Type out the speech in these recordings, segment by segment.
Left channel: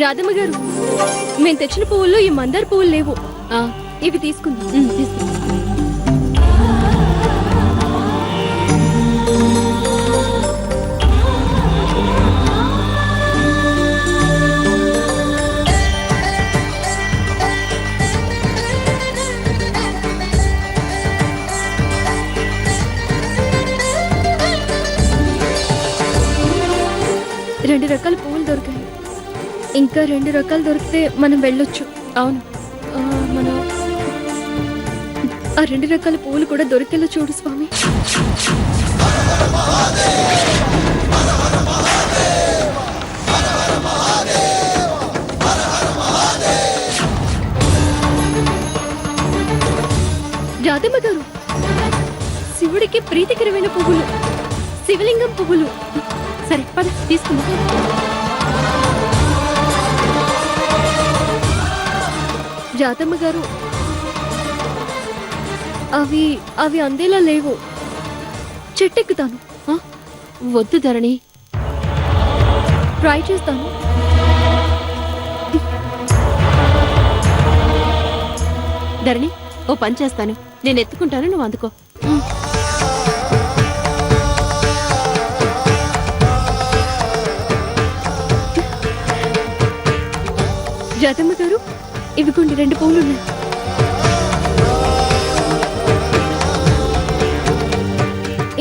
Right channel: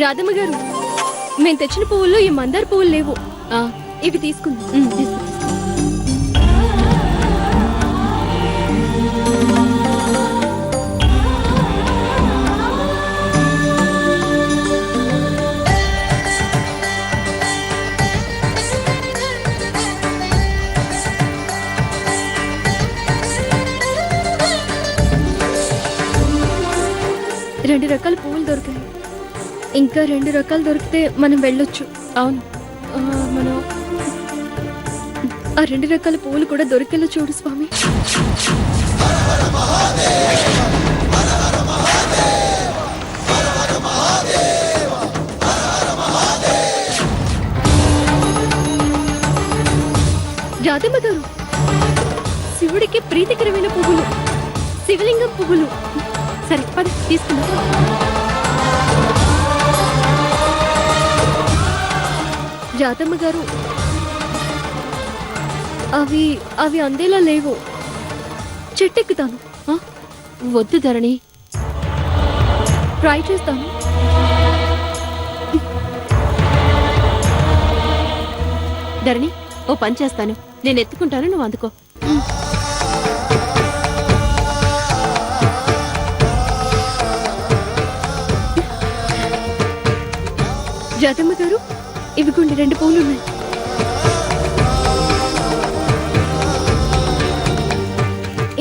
రాధమ్మ గారు, మేము తెచ్చిన పువ్వుల్లో ఈ మందార పువ్వులు లేవు. ఇవి తీసుకుందాం. తీసుకుందాం. రెండు రకాల పువ్వులు దొరికాయి. ఇంకా 2 రకాలు దొరికితే మనం వెళ్ళొచ్చు. అవును. మనం ఆ 2 రకాల పువ్వులు కూడా దొరికేలా చూడు స్వామి. రాధమ్మ గారు, శివుడికి ప్రీతికరమైన పువ్వులు, శివలింగం పువ్వులు. సరే పద తీసుకుందాం. రాధమ్మ గారు, అవి అవి అందేలా లేవు. చెట్టెక్కుతాను. వద్దు ధరణి, ట్రై చేస్తాను. ధరణి ఓ పని చేస్తాను, నేను ఎత్తుకుంటాను, నువ్వు అందుకో. రాధమ్మ గారు, ఇవిగోండి 2 పువ్వులు ఉన్నాయి.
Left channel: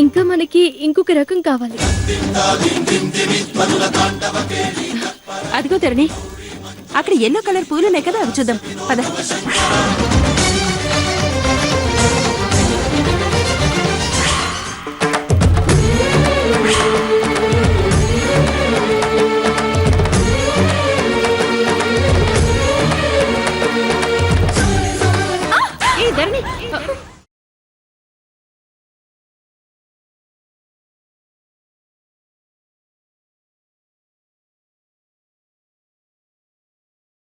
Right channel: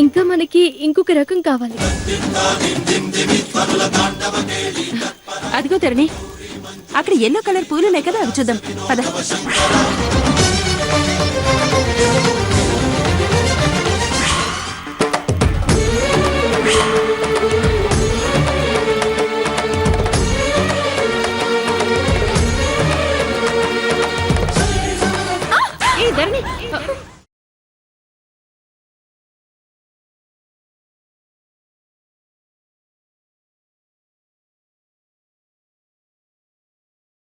ఇంకా మనకి ఇంకొక రకం కావాలి. అదిగో ధరణి, అక్కడ ఎల్లో కలర్ పూలున్నాయి కదా, అవి చూద్దాం పద.